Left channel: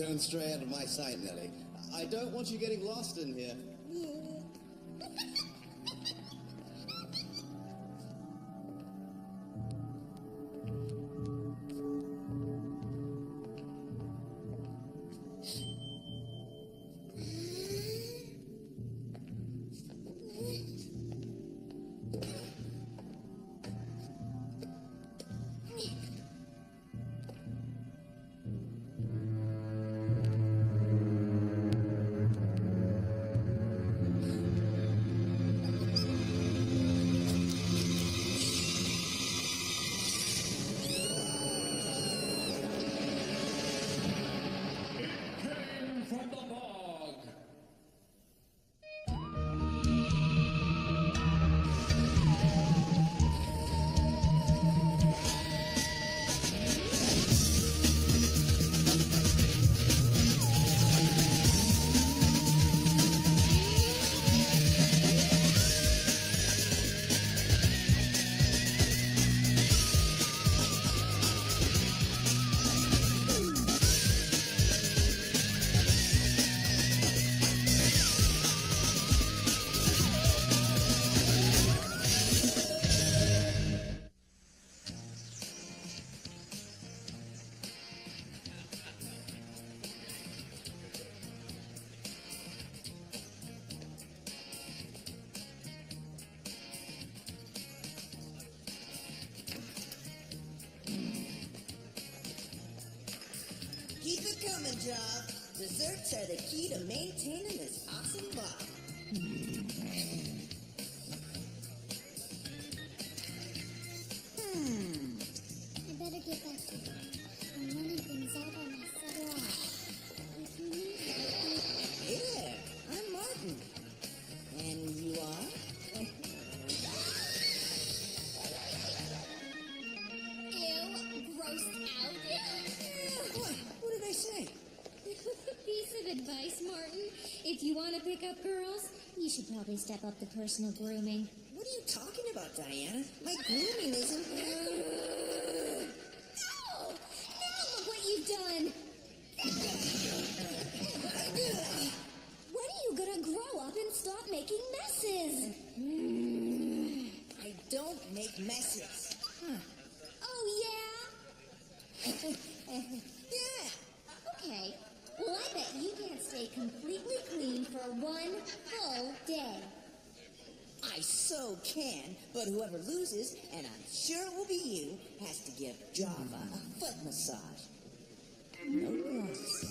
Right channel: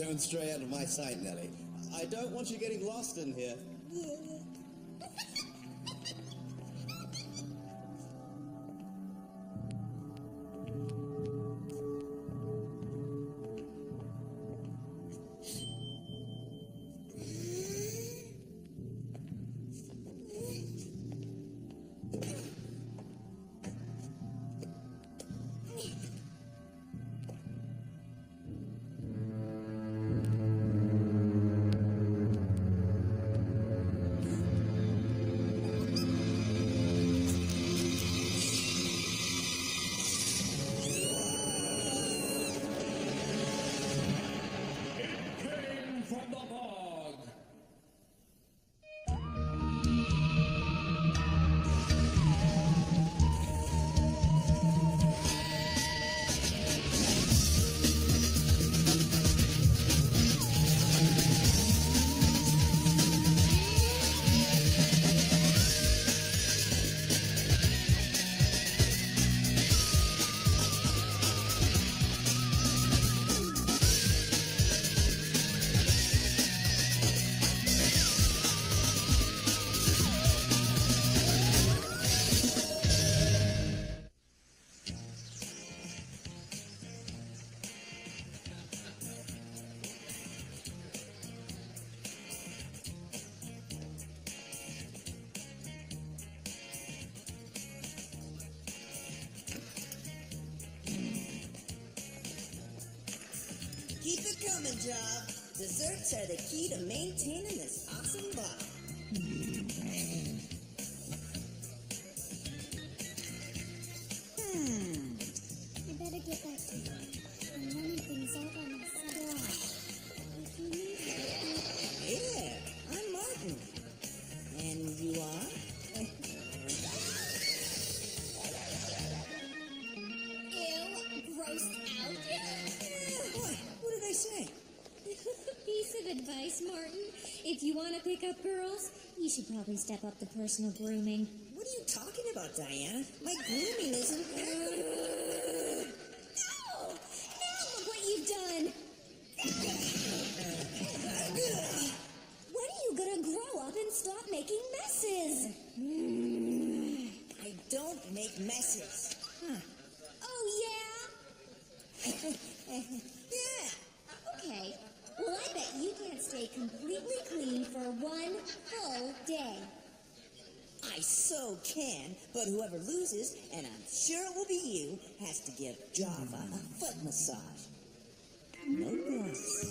Don't stray out of my sight, Nellie. I don't want you getting lost in here. From the bog. Keep it coming, Job. Desserts are the key to maintaining this awesome body. I better get back to work. I'm running things all by myself. If you need help, Hey there, I'm Martin. And you are? ew, grossed out. Boy, what did I say? Piece of advice, Martin. If you want to pick up girls, you should probably step up the personal grooming. What are you talking about, Diana? My grooming is impeccable. No! No, look what you've done! When are you gonna grow up and stop making messes? I don't make messes. Oh, yeah? Yeah. Okay. Well, I bet you can't stay completely clean for one full day. I so can, but whoever loses, and I'm sure it will be you, has to give Java a foot massage. No gloves.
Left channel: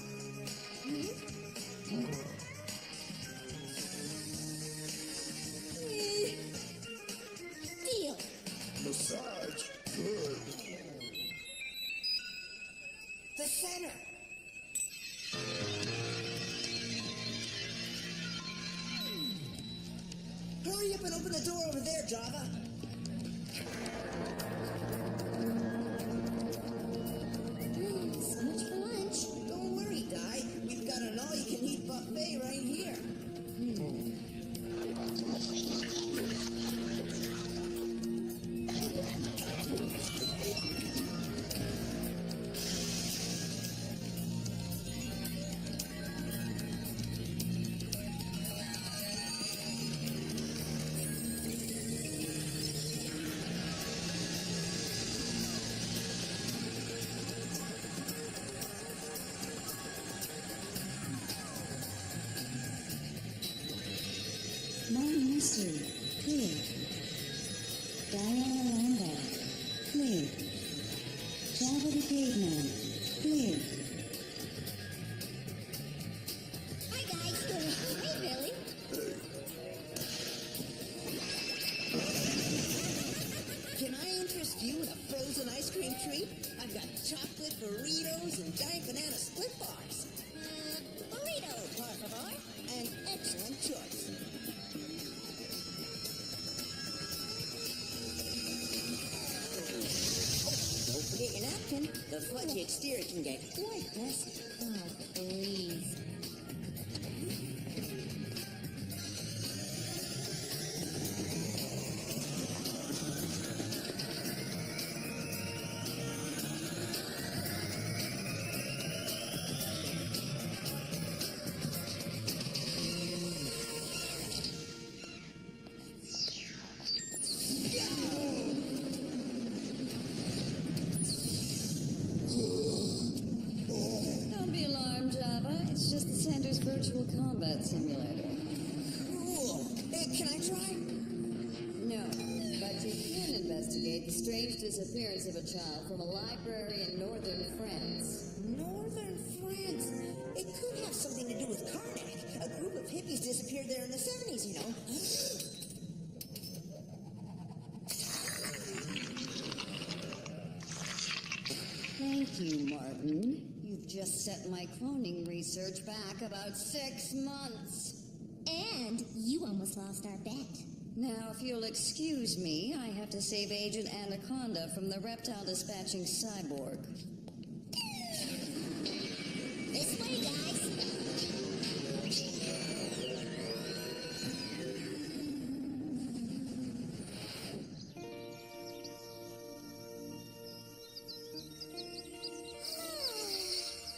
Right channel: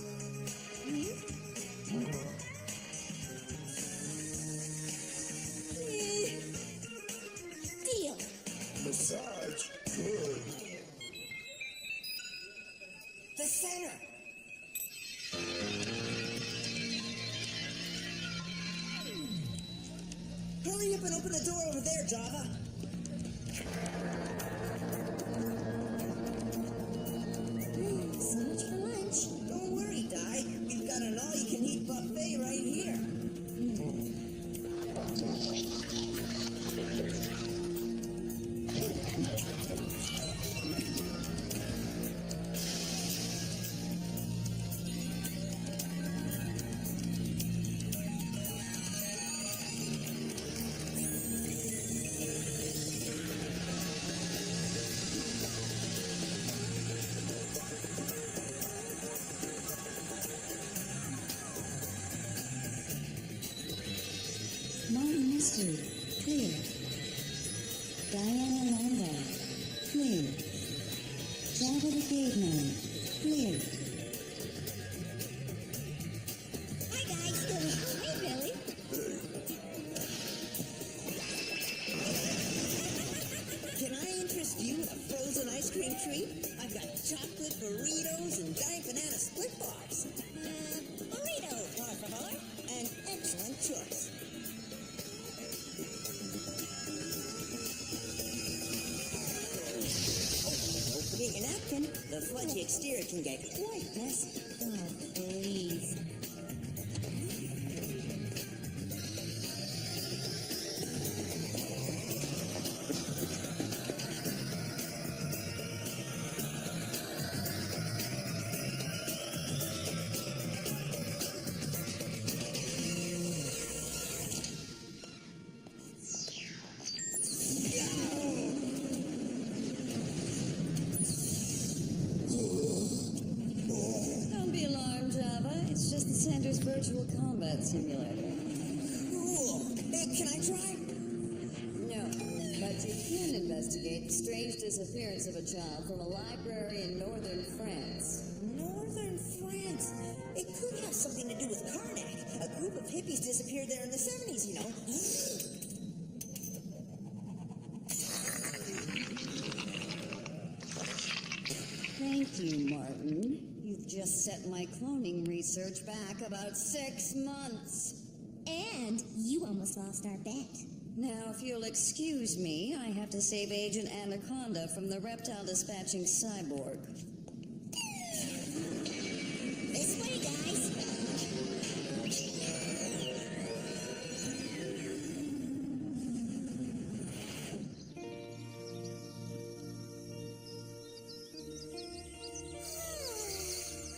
Deal. Massage? Good. The center. Hurry up and open the door over there, Java. So much for lunch. Don't worry, Di. We've got an all-you-can-eat buffet right here. Marty Mystery, clear. Diana Lombard, clear. Java the Caveman, clear. Hi, guys. Hey, Billy. Can I interest you in a frozen ice cream treat? I've got chocolate burritos and giant banana split bars. Burrito, por favor. An excellent choice. Don't forget your napkin. The fudgy exterior can get quite messy. Oh, please. It's just the center's virtual combat simulator. Cool. Can I try? No, but you can investigate the strange disappearance of a child from a library in northern France. Northern France. It could have something to do with Karnak. A group of hippies disappeared there in the 70s, you know. Thank you, Martin. You've just set my cloning research back about 6 months. And you almost lost our bet. Now, if you'll excuse me, I have to save Agent Anaconda from the reptile dispatching cyborg. This way, guys.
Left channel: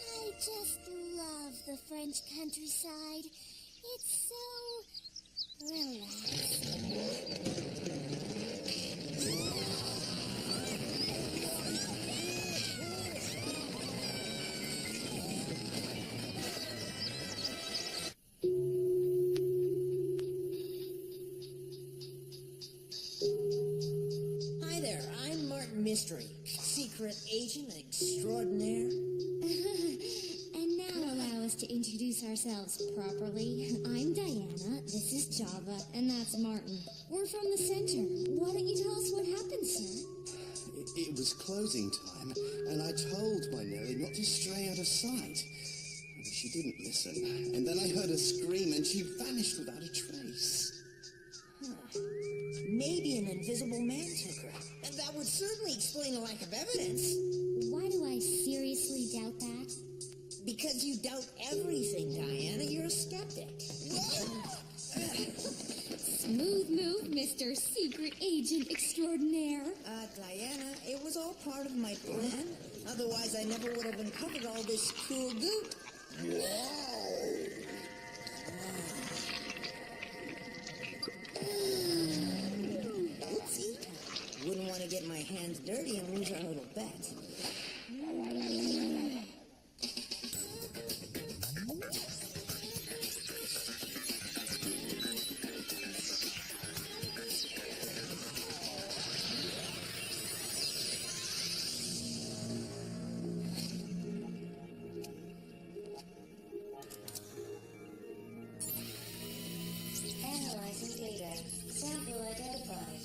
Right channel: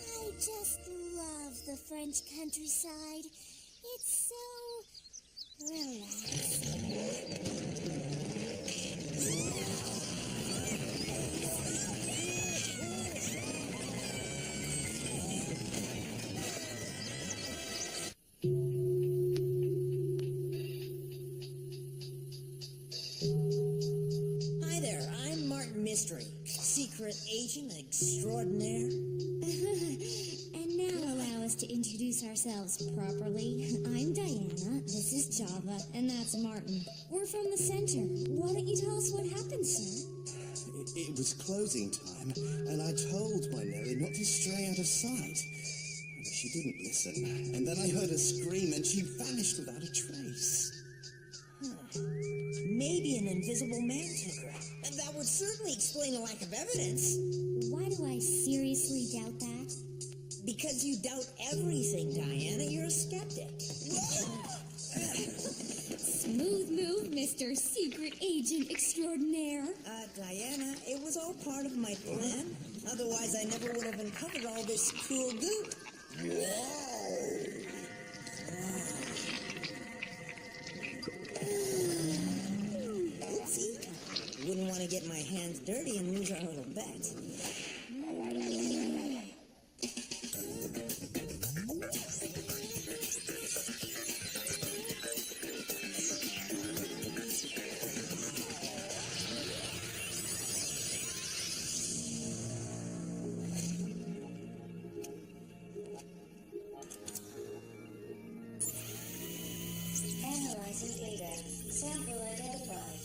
I just love the French countryside. It's so relaxing. Hi there, I'm Martin Mystery, secret agent extraordinaire. And now allow us to introduce ourselves properly. I'm Diana, this is Java, and that's Martin. We're from the center. Why don't you tell us what happened, sir? It was closing time, and I told my Nellie not to stray out of sight. She didn't listen, and then I heard her scream, and she vanished without a trace. Maybe an invisible man took her. And that would certainly explain a lack of evidence. Why do I seriously doubt that? Because you doubt everything, Diana. You're a skeptic. Smooth move, Mr. Secret Agent Extraordinaire. Diana, it was all part of my plan. Otherwise, I never would have uncovered all this cool goo. Wow! Oopsie. Wouldn't want to get my hands dirty and lose our little bet. Analyzing data. Sample identified.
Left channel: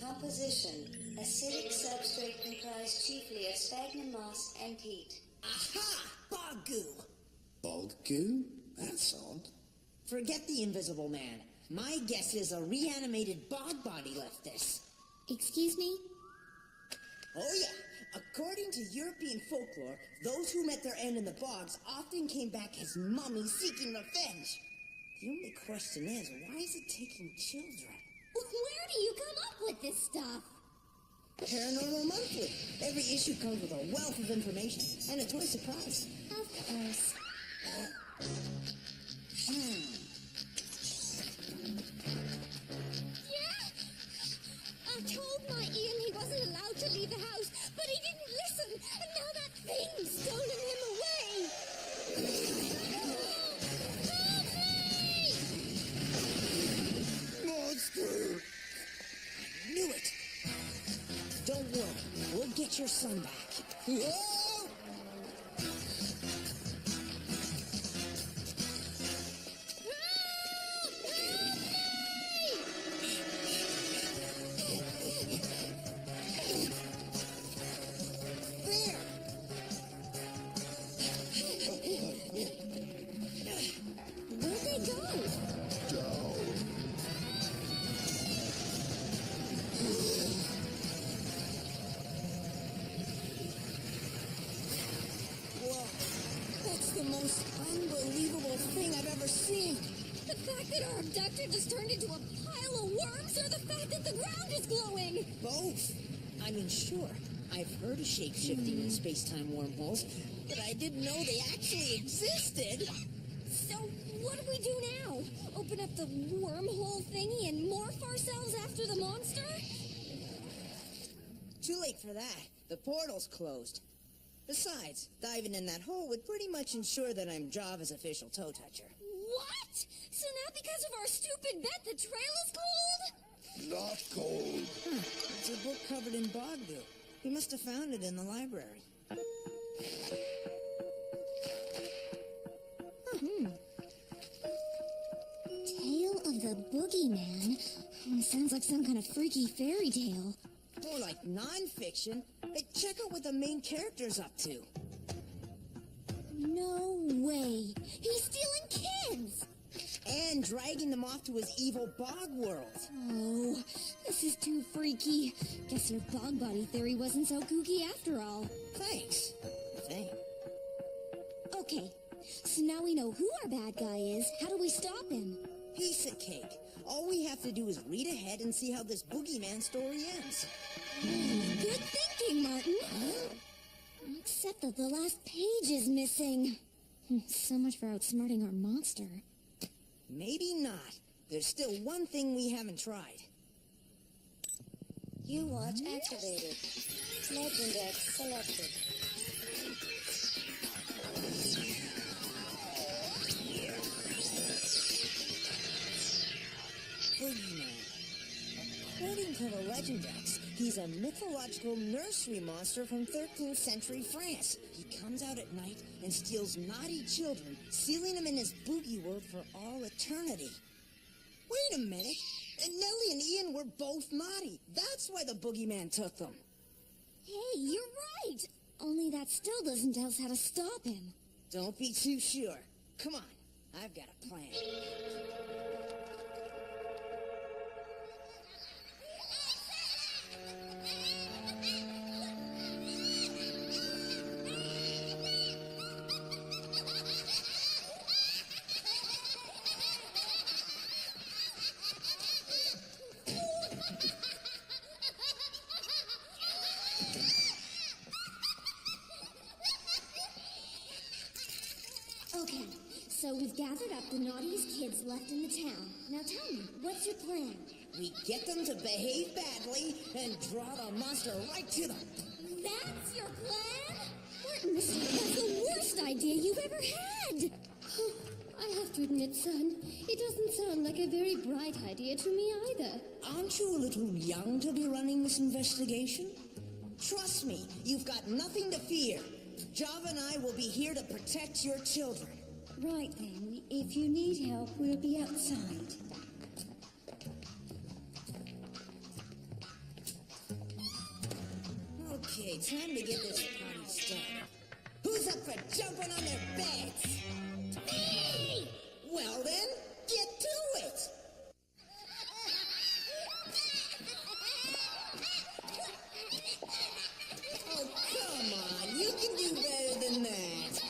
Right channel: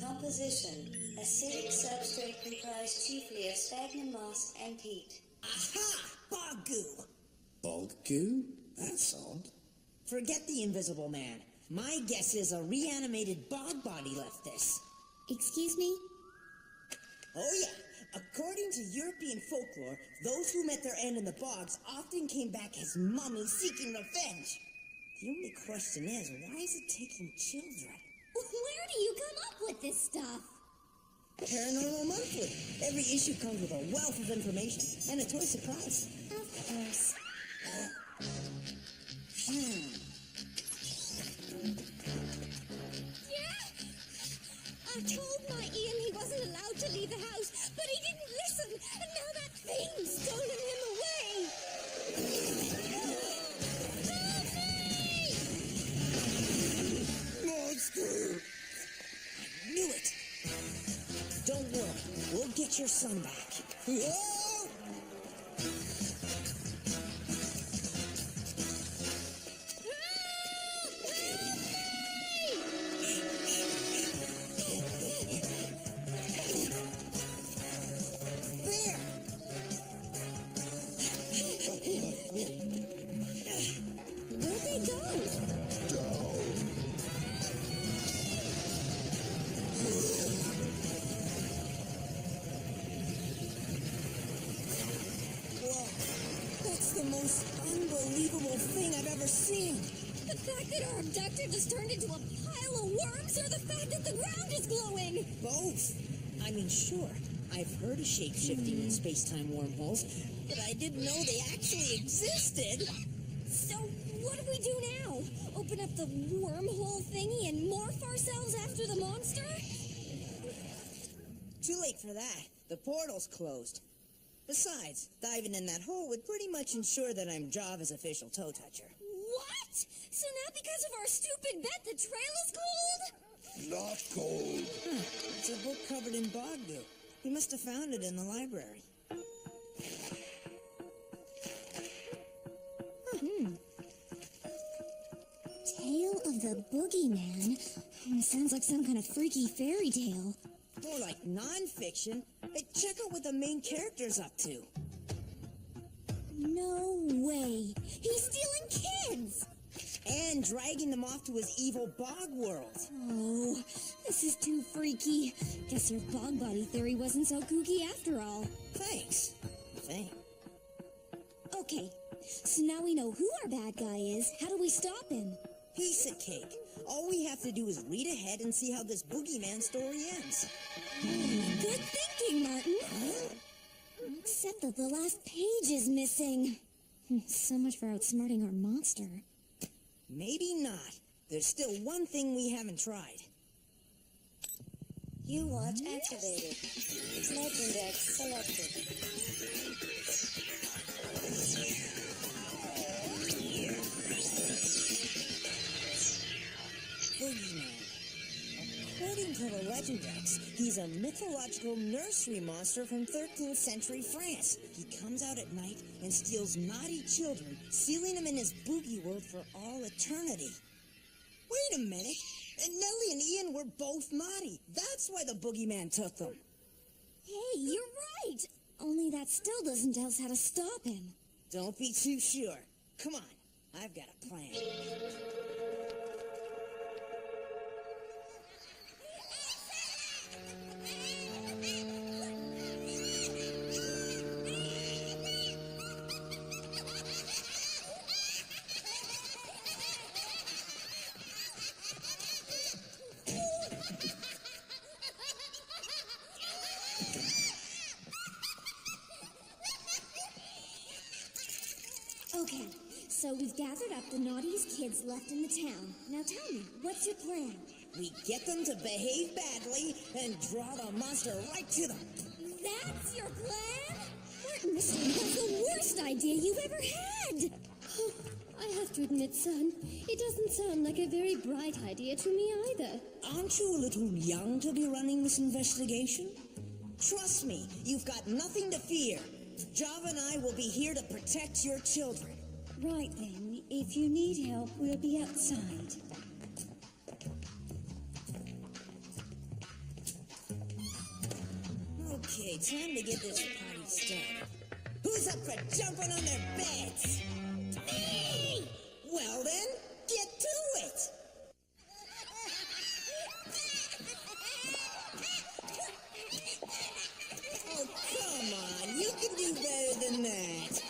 Composition. Acidic substrate comprised chiefly of sphagnum moss and peat. Aha! Bog goo! Bog goo? That's odd. Forget the invisible man. My guess is a reanimated bog body left this. Excuse me? Oh yeah. According to European folklore, those who met their end in the bogs often came back as mummies seeking revenge. The only question is, why is it taking children? Where do you come up with this stuff? Paranormal Monthly. Every issue comes with a wealth of information and a toy surprise. Of course. Yeah? I told my Ian he wasn't allowed to leave the house, but he didn't listen, and now that thing's stolen him away. Help me! Monster! I knew it. Don't worry. We'll get your son back. Whoa! There! Where'd they go? Down. Whoa. That's the most unbelievable thing I've ever seen. The fact that our abductor just turned into a pile of worms, or the fact that the ground is glowing? Both. I mean, sure, I've heard of shape-shifting in space-time wormholes, but I didn't know they actually existed. So, what do we do now? Open up the wormhole thingy and morph ourselves after the monster? Too late for that. The portal's closed. Besides, diving in that hole would pretty much ensure that I'm Java's official toe toucher. What? So now because of our stupid bet, the trail is cold? Not cold. Huh. It's a book covered in bog goo. He must have found it in the library. Tale of the Boogeyman? Sounds like some kind of freaky fairy tale. More like non-fiction. Hey, check out what the main character's up to. No way. He's stealing kids. And dragging them off to his evil bog world. Oh, this is too freaky. Guess your bog body theory wasn't so kooky after all. Thanks. Thanks. Okay, so now we know who our bad guy is. How do we stop him? Piece of cake. All we have to do is read ahead and see how this boogeyman story ends. Good thinking, Martin. Except that the last page is missing. So much for outsmarting our monster. Maybe not. There's still one thing we haven't tried. U-Watch activated. Legend X selected. Boogeyman. According to the Legend X, he's a mythological nursery monster from 13th century France. He comes out at night and steals naughty children, sealing them in his boogie world for all eternity. Wait a minute. And Nellie and Ian were both naughty. That's why the boogeyman took them. Hey, you're right. Only that still doesn't tell us how to stop him. Don't be too sure. Come on. I've got a plan. Okay, so we've gathered up the naughtiest kids left in the town. Now tell me, what's your plan? We get them to behave badly and draw the monster right to them. That's your plan? Martin, Mystery, that's the worst idea you've ever had. I have to admit, son, it doesn't sound like a very bright idea to me either. Aren't you a little young to be running this investigation? Trust me, you've got nothing to fear. Java and I will be here to protect your children. Right then, if you need help, we'll be outside. Okay, time to get this party started. Who's up for jumping on their beds? Me! Well then, get to it! Oh, come on, you can do better than that.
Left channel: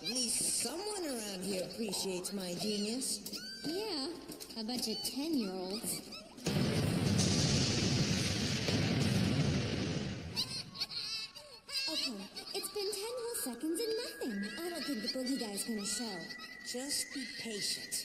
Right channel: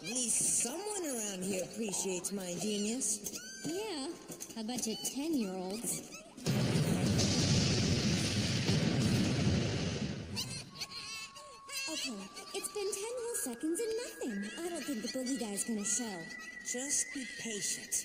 At least someone around here appreciates my genius. Yeah, a bunch of 10-year-olds. Okay, it's been 10 whole seconds and nothing. I don't think the boogie guy's gonna show. Just be patient.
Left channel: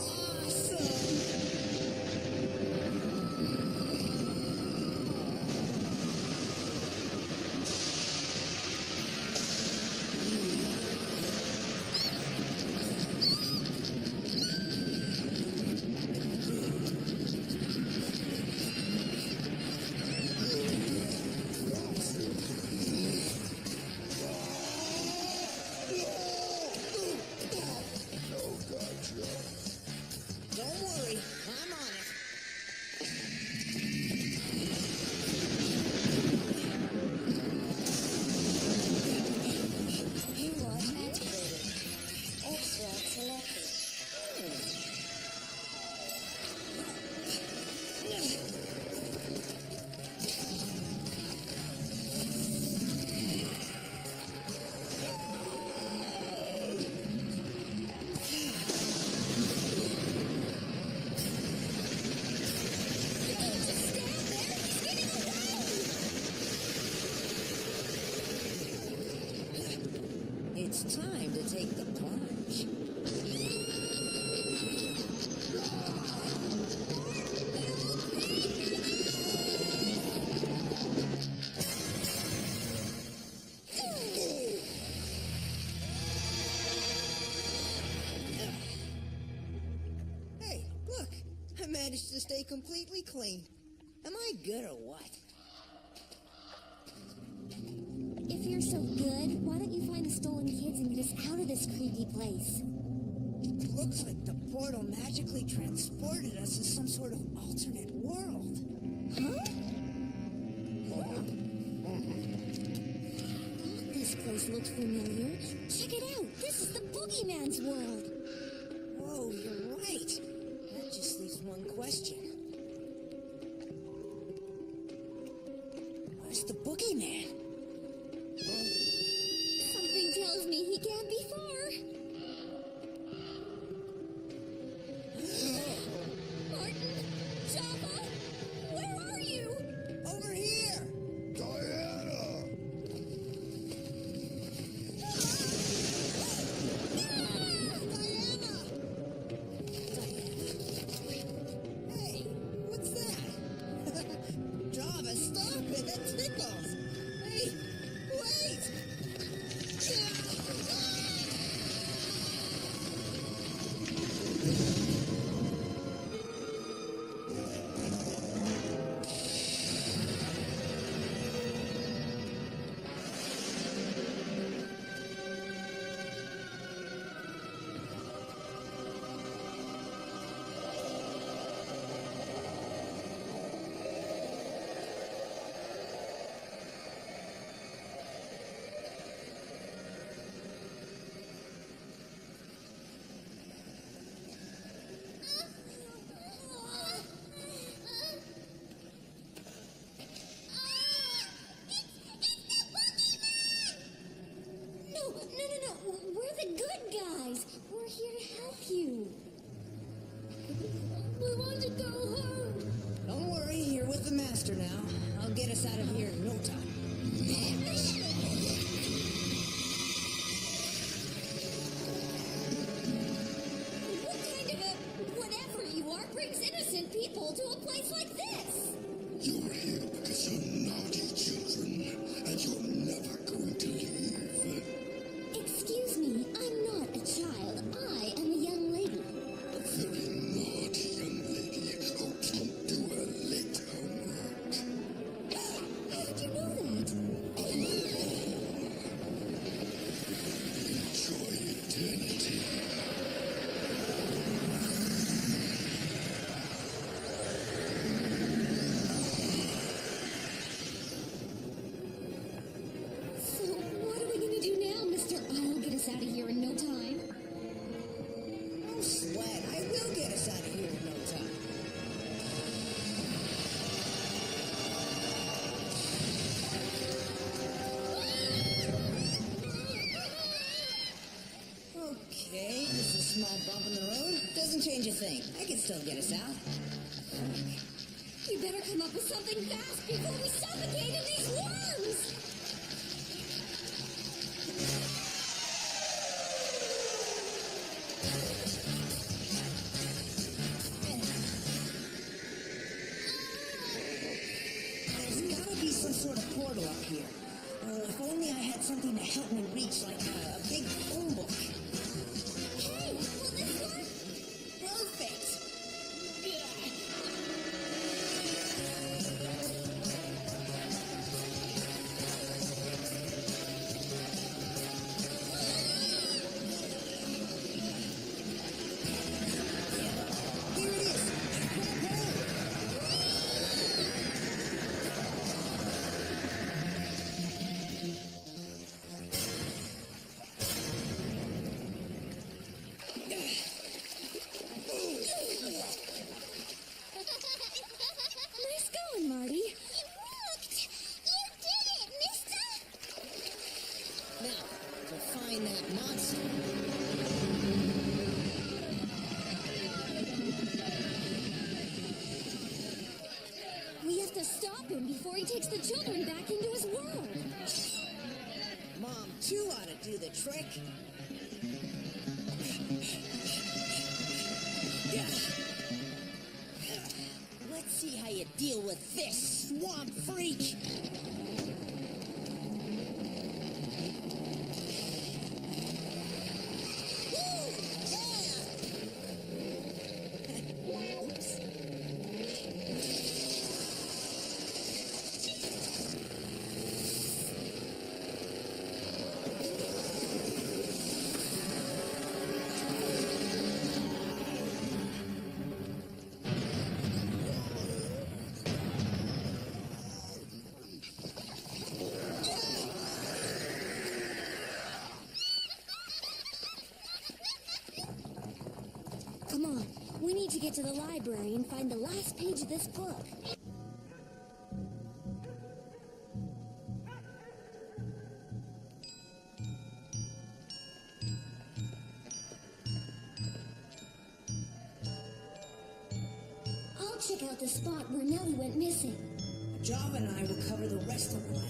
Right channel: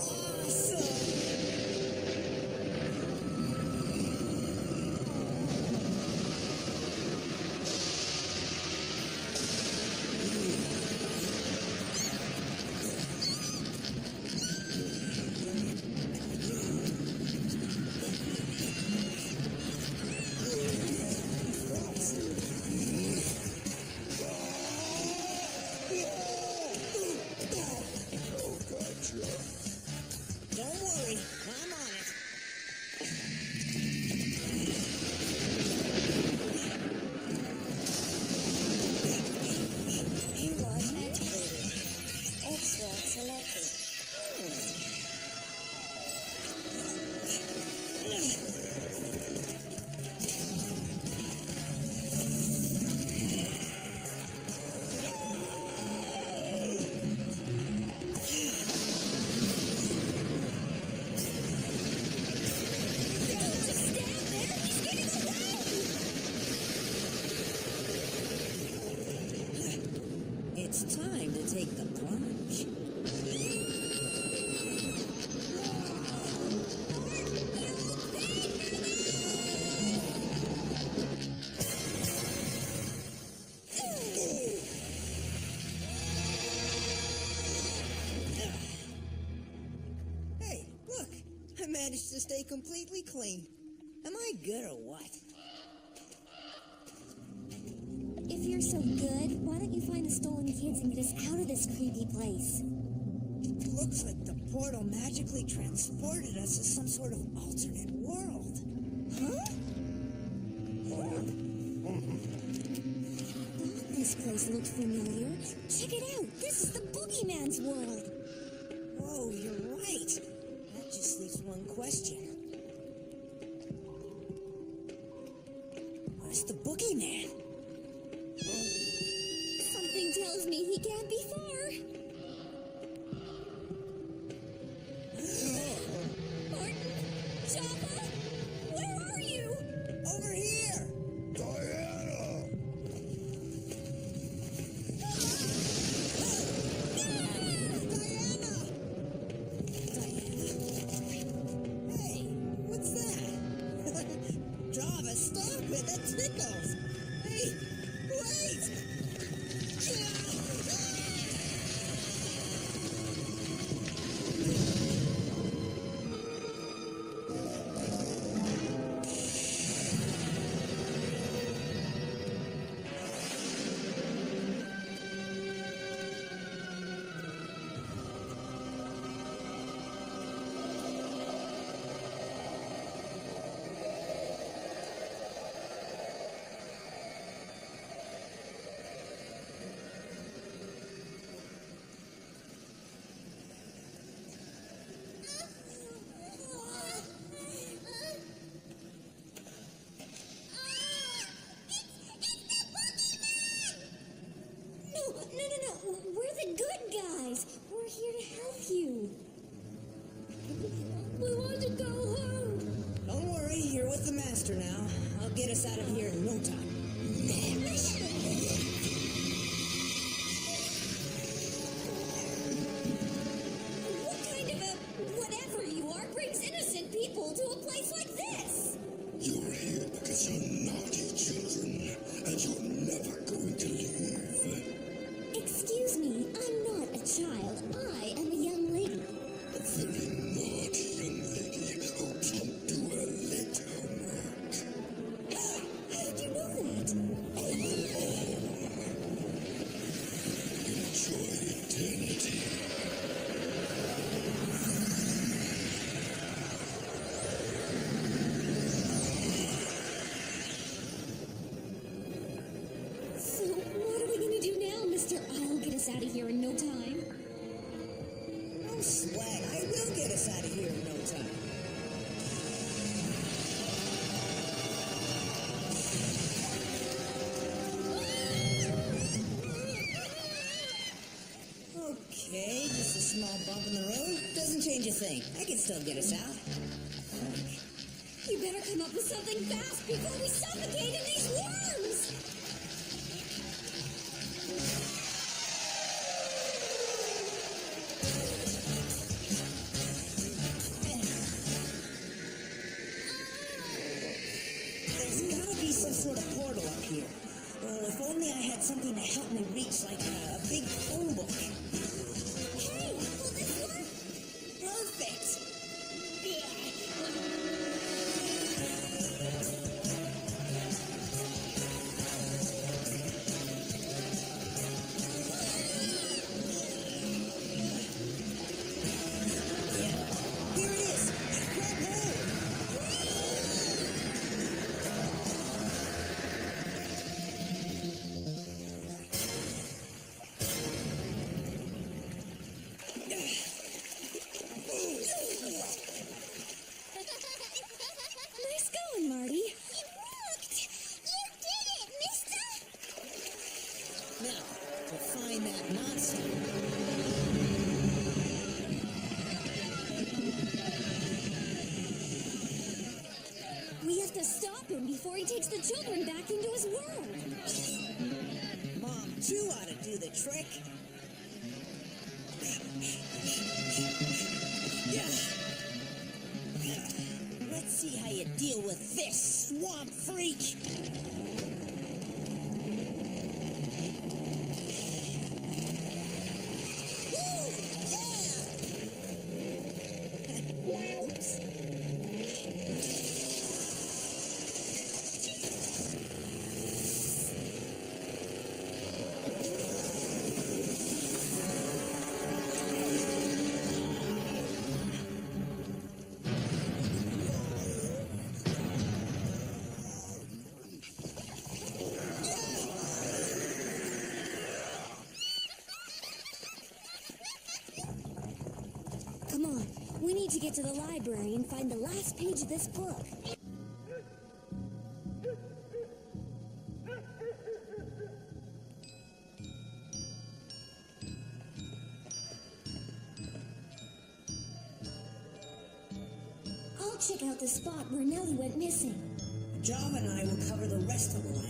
Awesome! No, gotcha. Don't worry, I'm on it. U-Watch activated. X-Rock selected. it's time to take the plunge. Hey, look! I managed to stay completely clean. Am I good or what? If you're so good, why don't you find the stolen kids and get us out of this creepy place? Looks like the portal magically transported us to some sort of alternate world. Huh? Thought this place looked familiar. Check it out. This is the Boogeyman's world. Whoa, you're right. That just leaves one question. Where's the Boogeyman? Something tells me he can't be far. Martin? Java? Where are you? Over here! Diana! Diana! Hey, what's that? Java, stop it! That tickles! Hey, wait! No. We're the good guys. We're here to help you. We want to go home. Don't worry, you're with the master now. I'll get us out of here in no time. What kind of a whatever you are brings innocent people to a place like this? You're here because you're naughty children, and you're never going to leave. Excuse me, I'm not a child. I am a young lady. A very naughty young lady who didn't do her late homework. How did you know that? I know all. Enjoy eternity. So, what are we gonna do now, Mr. I'll get us out of here in no time? No sweat. I will get us out of here in no time. Okay, just a small bump in the road. Doesn't change a thing. I can still get us out. You better come up with something fast before we suffocate in these worms! There's gotta be some sort of portal up here. Oh, if only I had something to help me reach, like a big phone book. Hey, will this work? Perfect! Yeah, here it is. Grab hold. Nice going, Marty. You worked! You did it, mister! Now, to find that monster. We have to stop him before he takes the children back into his world. Mom, Two ought to do the trick. Let's see how you deal with this, swamp freak. Come on, we need to get to the library and find the last page of this book. I'll check out the spot where Nellie went missing. Java and I will cover the rest of the library.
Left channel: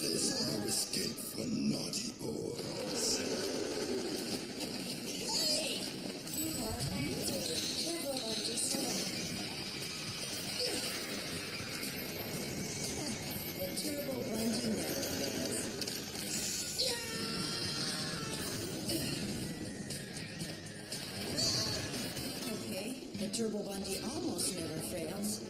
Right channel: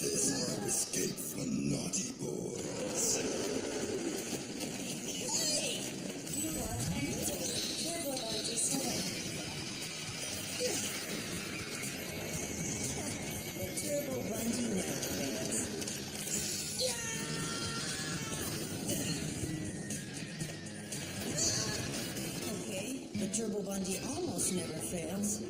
There's no escape for naughty boys. Hey! You are entering Turbo Bungee Soda. The turbo bungee never fails. Okay, the turbo bungee almost never fails.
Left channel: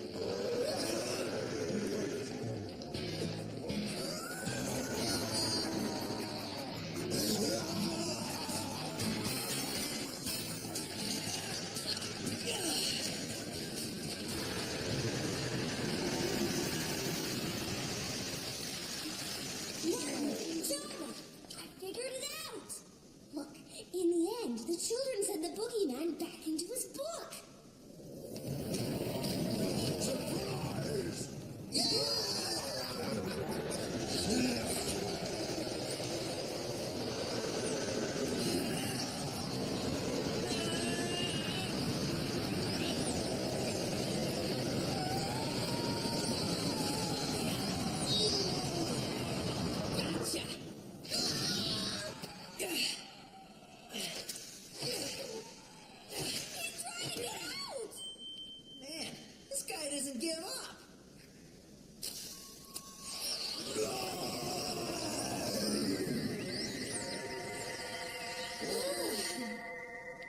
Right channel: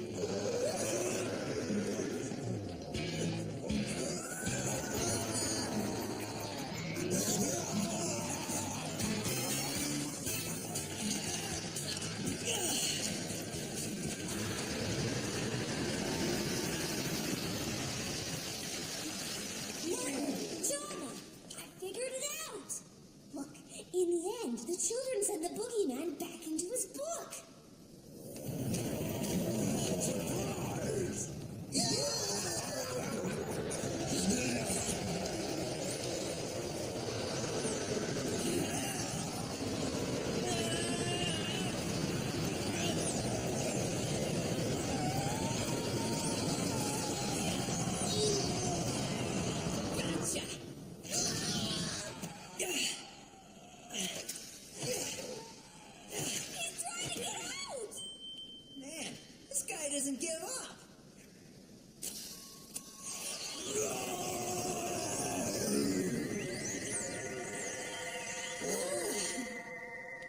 Martin, Java, I figured it out. Look, in the end, the children send the boogeyman back into his book. Surprise! Gotcha! He's trying to get out! Man, this guy doesn't give up.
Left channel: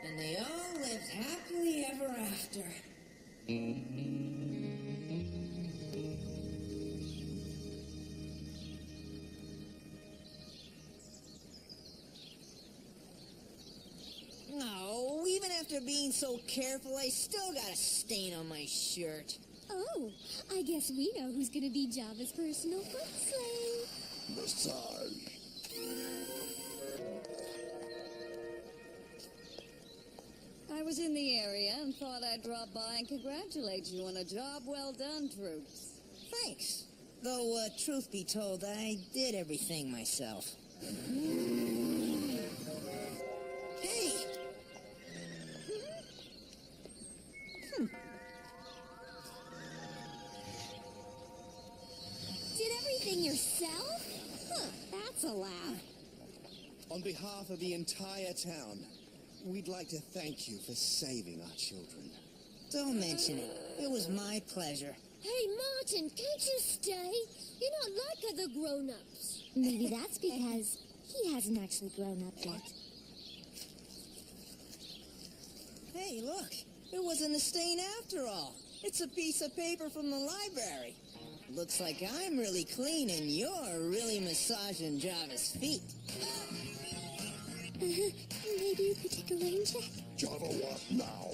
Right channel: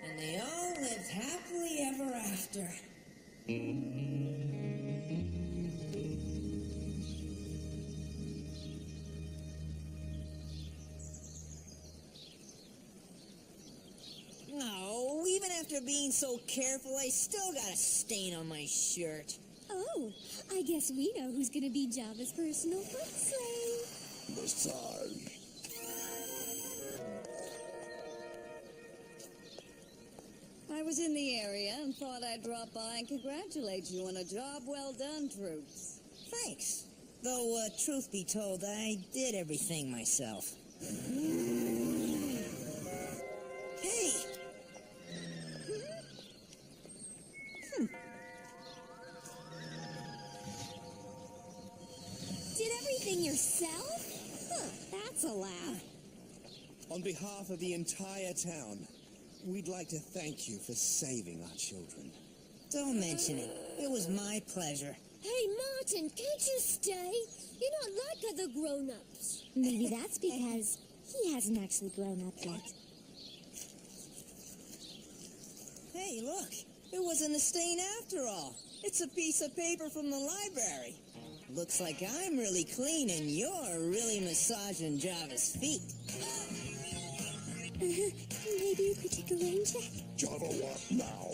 And they all lived happily ever after. No, even after being so careful, I still got a stain on my shirt. Oh, I guess we know who's gonna be Java's personal foot slave. Massage. I was in the area and thought I'd drop by and congratulate you on a job well done, troops. Thanks. Though, truth be told, I did everything myself. Hey! Did everything yourself? Huh, that's a laugh. On behalf of the entire town, we'd like to thank you for saving our children. Don't mention it. It was my pleasure. Hey, Martin, can't you stay? You're not like other grown-ups. Maybe that's because he hasn't actually grown up yet. Hey, look. It wasn't a stain after all. It's a piece of paper from the library. Looks like I'm really clean and you're really massaging Java's feet. Maybe you could take a rain check? Java, what now?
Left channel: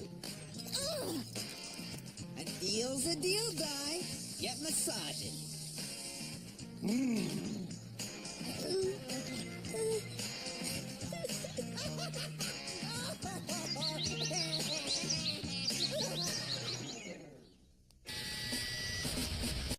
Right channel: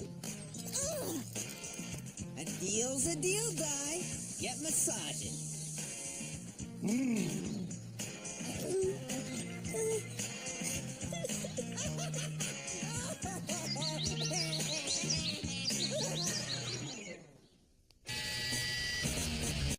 A deal's a deal, Di. Get massaging.